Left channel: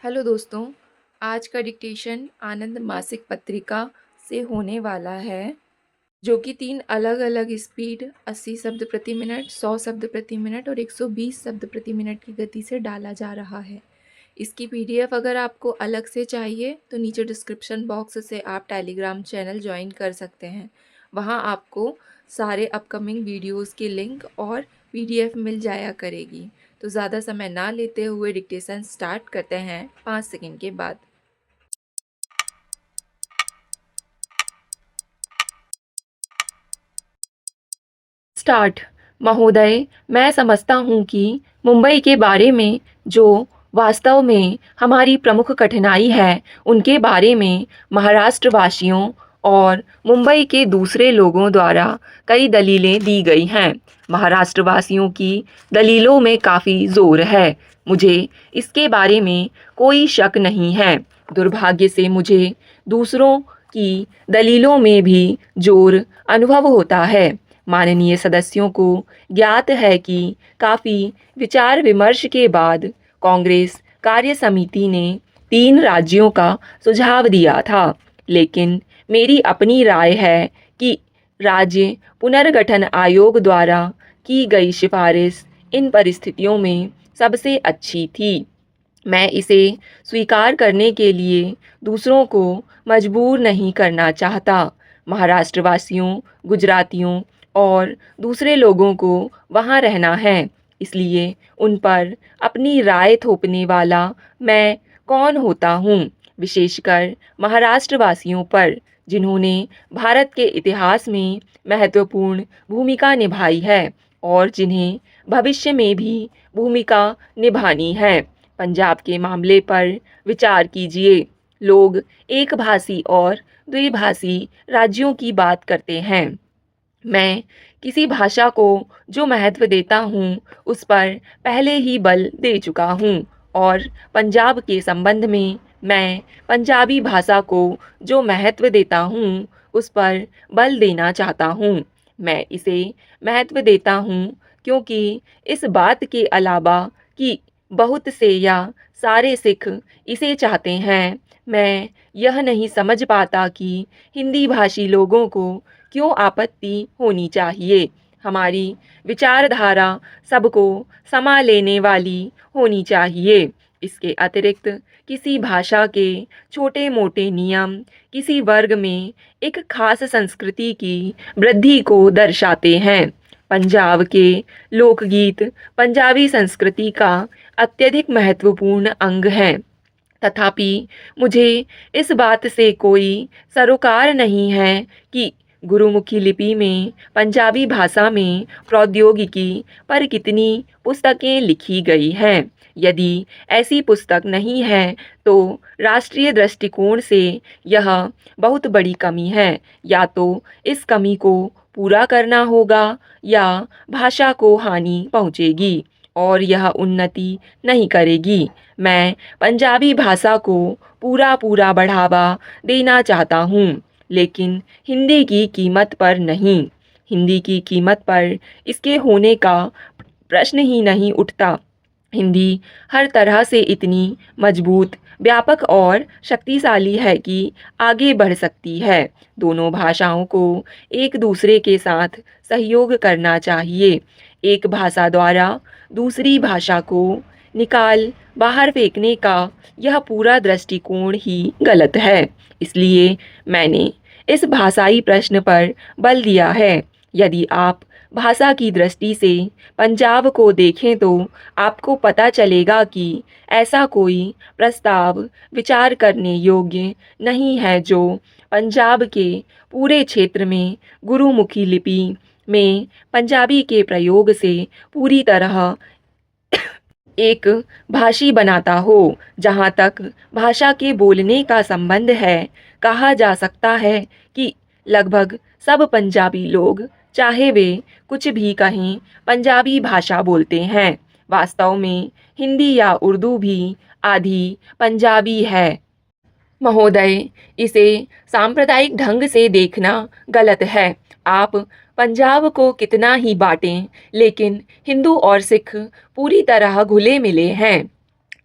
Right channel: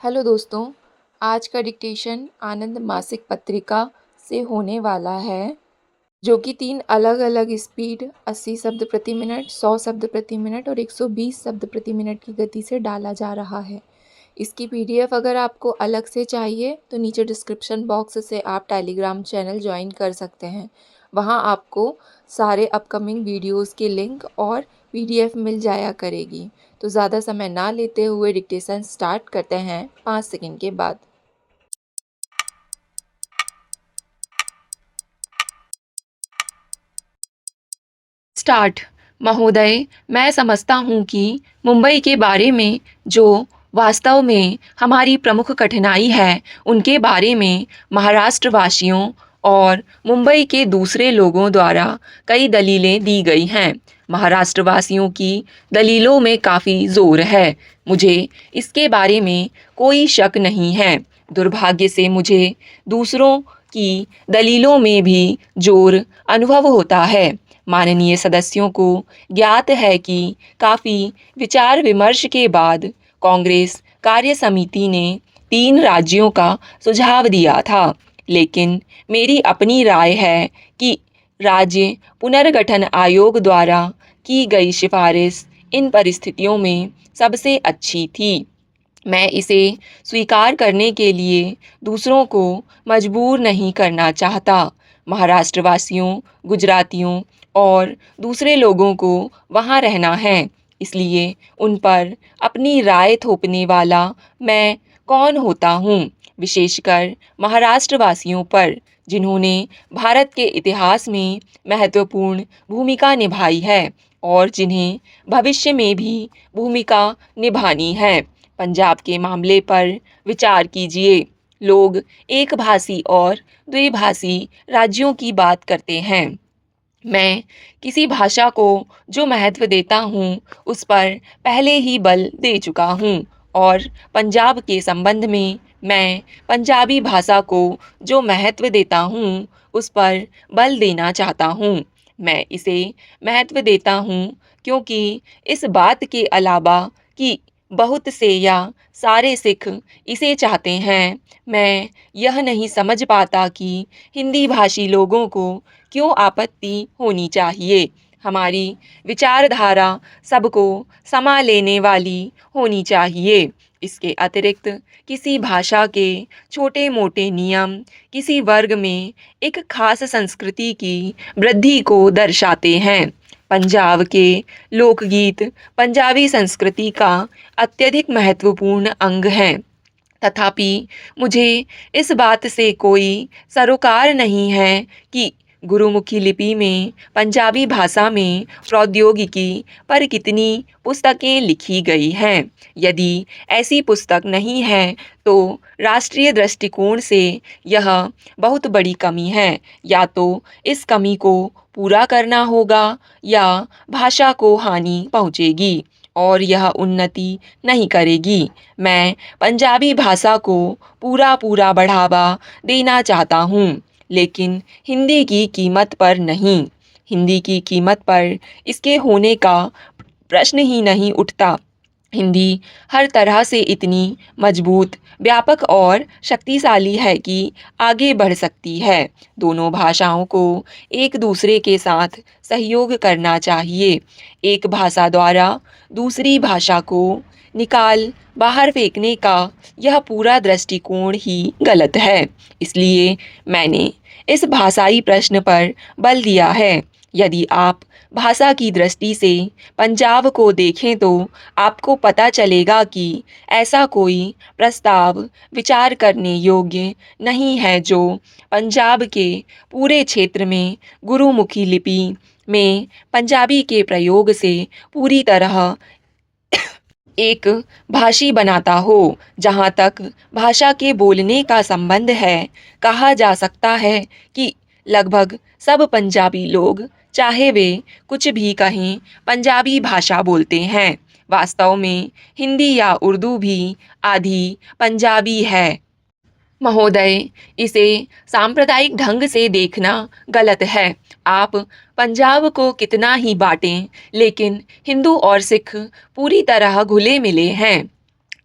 Hello दोस्तों, आज का डिक्टेशन आनंद मासिक पत्रिका से होने वाला है, जो कि 3 अलग-अलग स्पीड 80 शब्द प्रति मिनट, 100 शब्द प्रति मिनट और 120 शब्द प्रति मिनट की गति से डाला जा रहा है। इसकी पीडीएफ अगर आपको अलग से चाहिए तो नीचे डिस्क्रिप्शन बॉक्स से आप टेलीग्राम चैनल ज्वाइन कर सकते हैं। वहाँ आपको सारे अपकमिंग वीडियोज़ की लिंक और पीडीएफ मिल जाया करेगी। तो ज़्यादा समय ना लेते हुए डिक्टेशन स्टार्ट करते हैं 5 सेकंड के बाद। स्टार्ट। महोदय, मैं समझता हूँ कि मुंबई के बारे में जो वास्तव में हमारी प्रमुख कठिनाई है, उनके बारे में महाराष्ट्र वासियों और मुंबई के दूसरे लोगों द्वारा कई दलीलें दी गई हैं। महाराष्ट्र वासियों की दलीलों में काफ़ी ज़ोर है, मुझे इसके बारे में कोई शक नहीं है। दुर्भाग्य से मुझे दूसरों की दलीलों में भी ज़ोर अनुभव होता है। माननीय सदस्यों को ज्ञात है कि काफ़ी विचार विमर्श के बाद कांग्रेस कार्य समिति ने 3 राज्यों का सुझाव दिया था, लेकिन मेरी अपनी राय है कि राज्य पुनर्गठन आयोग द्वारा की गई सिफारिश इन परिस्थितियों में सबसे अच्छी थी। मैं इसे स्वीकार करने के लिए दूसरों को मजबूर नहीं करना चाहता। महाराष्ट्र वासियों, गुजरातियों और दूसरे लोगों को वहाँ रहना है, इसलिए उन पर अपनी राय थोपने वाला मैं कौन होता हूँ, विशेषकर महाराष्ट्र वासियों पर, जिन्होंने भारत के इतिहास में महत्वपूर्ण भूमिका निभाई है और जिन्हें भविष्य में भी भूमिका निभानी है। पंजाब के मामले पर विचार कीजिए। लोग एक भाषी और द्विभाषी राज्यों की बात करते हैं। मैं किसी भाषा को जो महत्व देता हूँ उस पर पहले ही बल दे चुका हूँ और पंजाब के संबंध में मैं पंजाबी भाषा को जो महत्व देता हूँ उस पर बल देना चाहता हूँ। मैं इसे महत्व देता हूँ क्योंकि इस बात के अलावा कि बहुत से या सारे सिख इसे चाहते हैं, मैं यह नहीं समझ पाता कि हिंदी भाषी लोगों को क्यों आपत्ति होनी चाहिए। हमारी विचारधारा सबको समा लेने वाली होनी चाहिए। इसके अतिरिक्त किसी भाषा के छोटे मोटे नियम किसी वर्ग में एक खास संस्कृति की वृद्धि को दर्शाते हैं। पंजाब के लोकगीत पंजाबी संस्कृति का अत्यधिक महत्वपूर्ण अंग हैं। तथापि मुझे इस बात से कोई सरोकार नहीं है कि गुरुमुखी लिपि में पंजाबी भाषा में प्रौद्योगिकी पर कितनी पुस्तकें लिखी गई हैं। यदि ऐसी पुस्तक नहीं है तो राष्ट्रीय दृष्टिकोण से यह बहुत बड़ी कमी है। या तो इस कमी को पूरा करना होगा या भाषा को हानि पहुंचेगी और यह उन्नति नहीं करेगी। मैं पंजाबी भाषा को पूरा बढ़ावा देना चाहता हूँ, लेकिन हिंदी की कीमत पर नहीं। हिंदी की कीमत पर इसके होने का प्रश्न ही नहीं उठता। हिंदी हर तरह से इतनी मजबूत, व्यापक और शक्तिशाली है कि आगे बढ़ सकती है। दोनों भाषाओं को एक दूसरे के साथ सहयोग करना चाहिए। एक भाषा द्वारा दूसरी भाषा को निकाल बाहर फेंकने का यह पूरा दृष्टिकोण ही गलत है। इसलिए मैंने इस भाषाई प्रश्न पर बल दिया है। यदि आप भाषा की दृष्टि से पंजाब को देखें तो आपको पता चलेगा कि ऐसा कोई प्रस्ताव विचार करने योग्य नहीं है जो पंजाब के पूरे क्षेत्र में गुरुमुखी लिपि में पंजाबी के प्रयोग से पूरी तरह एक भाषी बनाता हो। जहाँ तक भाषा के बोलने का संबंध है, कहा जा सकता है कि लगभग सब पंजाबी लोग, चाहे वे कुछ भी कहें, पंजाबी भाषा बोलते हैं। वास्तव में हिंदी या उर्दू भी आधी पंजाबी है। महोदय, इसे सांप्रदायिक ढंग से देखना गलत है। आप पंजाब को कितना ही बांटें, लेकिन हिंदू और सिख पूरी तरह घुले मिले हैं।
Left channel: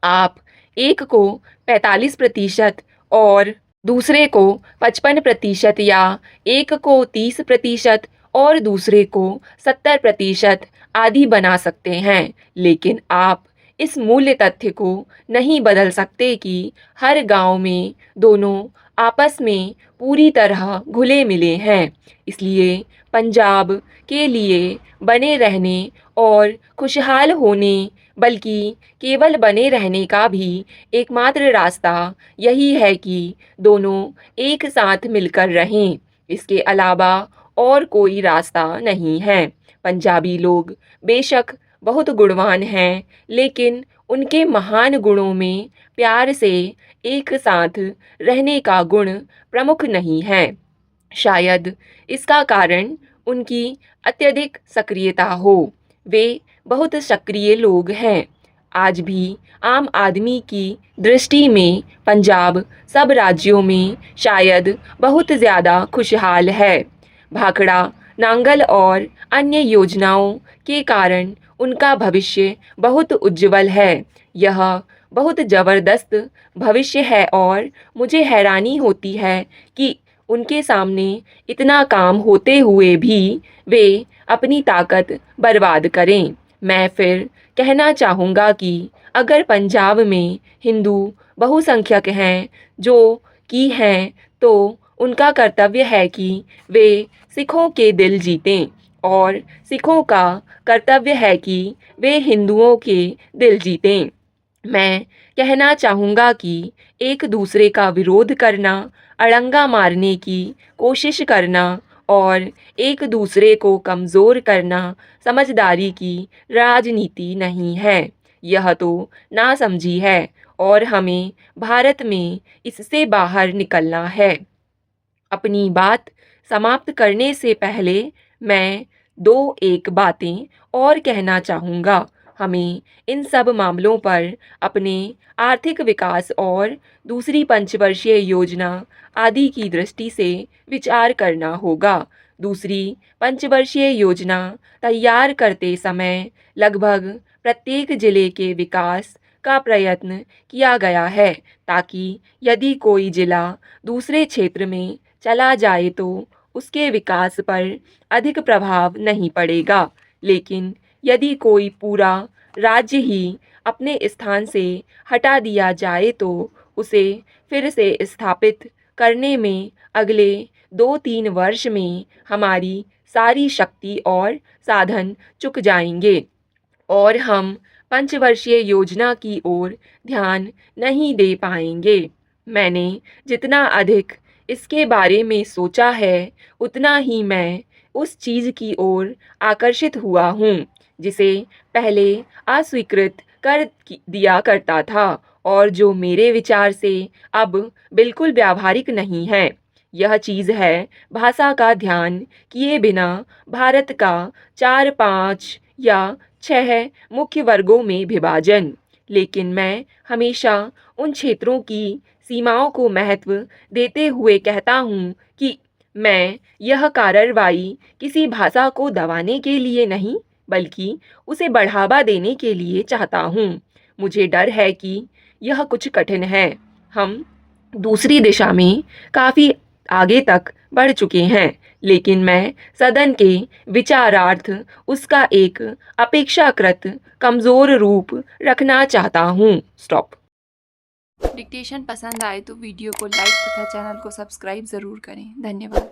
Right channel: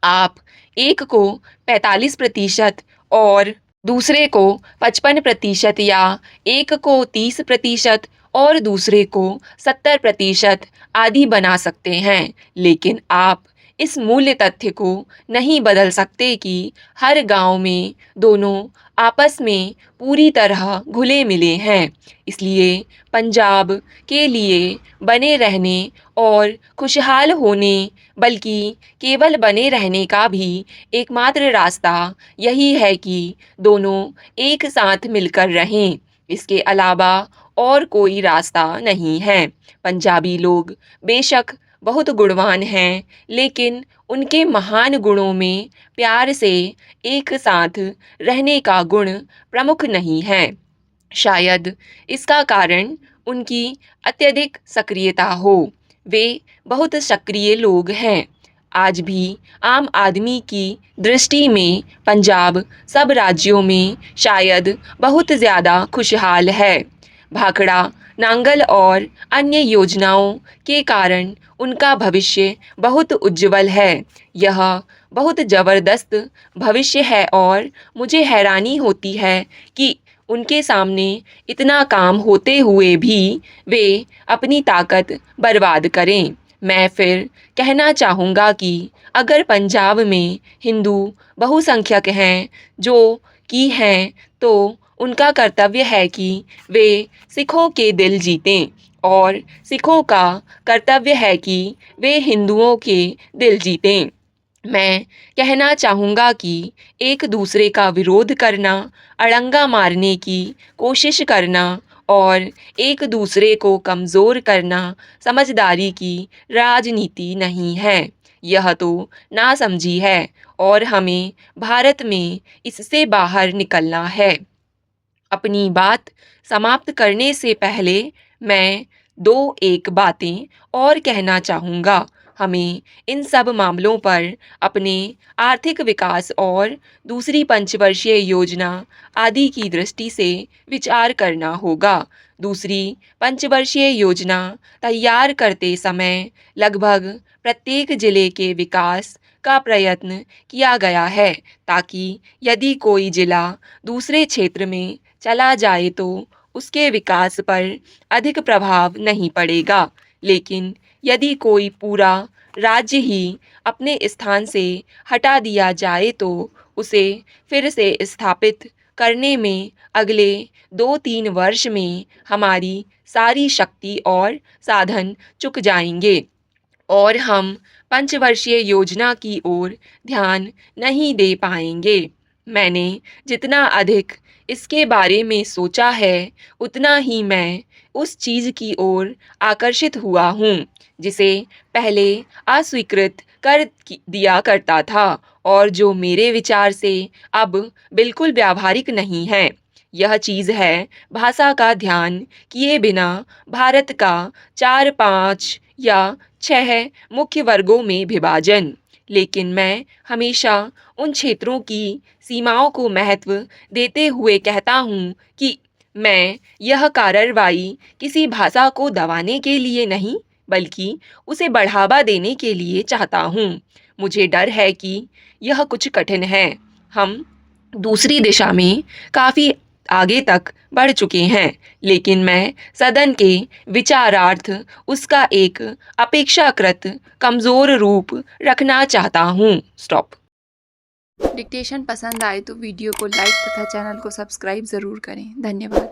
आप एक को 45% और दूसरे को 55% या एक को 30% और दूसरे को 70% आदि बना सकते हैं। लेकिन आप इस मूल्य तथ्य को नहीं बदल सकते कि हर गांव में दोनों आपस में पूरी तरह घुले मिले हैं। इसलिए पंजाब के लिए बने रहने और खुशहाल होने, बल्कि केवल बने रहने का भी एकमात्र रास्ता यही है कि दोनों एक साथ मिलकर रहें। इसके अलावा और कोई रास्ता नहीं है। पंजाबी लोग बेशक बहुत गुणवान हैं, लेकिन उनके महान गुणों में प्यार से एक साथ रहने का गुण प्रमुख नहीं है। शायद इसका कारण उनकी अत्यधिक सक्रियता हो। वे बहुत सक्रिय लोग हैं। आज भी आम आदमी की दृष्टि में पंजाब सब राज्यों में शायद बहुत ज़्यादा खुशहाल है। भाखड़ा नांगल और अन्य योजनाओं के कारण उनका भविष्य बहुत उज्जवल है। यह बहुत ज़बरदस्त भविष्य है और मुझे हैरानी होती है कि उनके सामने इतना काम होते हुए भी वे अपनी ताकत बर्बाद करें। मैं फिर कहना चाहूँगा कि अगर पंजाब में हिंदू बहुसंख्यक हैं जो कि हैं, तो उनका कर्तव्य है कि वे सिखों के दिल जीतें और सिखों का कर्तव्य है कि वे हिंदुओं के दिल जीतें। मैं कहना चाहूँगा कि एक दूसरे का विरोध करना, अड़ंगा मारने की कोशिश करना और एक दूसरे को कमज़ोर करना समझदारी की राजनीति नहीं है। यह तो नासमझी है और हमें भारत में इससे बाहर निकलना है। अपनी बात समाप्त करने से पहले मैं दो एक बातें और कहना चाहूँगा। हमें इन सब मामलों पर अपने आर्थिक विकास और दूसरी पंचवर्षीय योजना आदि की दृष्टि से विचार करना होगा। दूसरी पंचवर्षीय योजना तैयार करते समय लगभग प्रत्येक जिले के विकास का प्रयत्न किया गया है, ताकि यदि कोई जिला दूसरे क्षेत्र में चला जाए तो उसके विकास पर अधिक प्रभाव नहीं पड़ेगा। लेकिन यदि कोई पूरा राज्य ही अपने स्थान से हटा दिया जाए तो उसे फिर से स्थापित करने में अगले 2-3 वर्ष में हमारी सारी शक्ति और साधन चुक जाएंगे और हम पंचवर्षीय योजना की ओर ध्यान नहीं दे पाएंगे। मैंने जितना अधिक इसके बारे में सोचा है, उतना ही मैं उस चीज़ की ओर आकर्षित हुआ हूँ जिसे पहले अस्वीकृत दिया करता था और जो मेरे विचार से अब बिल्कुल व्यावहारिक नहीं है। यह चीज़ है भाषा का ध्यान किए बिना भारत का 4-5 या 6 मुख्य वर्गों में विभाजन। लेकिन मैं हमेशा उन क्षेत्रों की सीमाओं को महत्व देते हुए कहता हूँ कि मैं यह कार्रवाई किसी भाषा को दबाने के लिए नहीं, बल्कि उसे बढ़ावा देने के लिए चाहता हूँ। मुझे डर है कि यह कुछ कठिन है। हम दूसरी दिशा में काफ़ी आगे तक बढ़ चुके हैं, लेकिन मैं सदन के विचारार्थ उसका एक अपेक्षाकृत कमज़ोर रूप रखना चाहता हूँ। स्टॉप। डिक्टेशन पसंद आए तो वीडियो को लाइक तथा चैनल को सब्सक्राइब ज़रूर करें। धन्यवाद।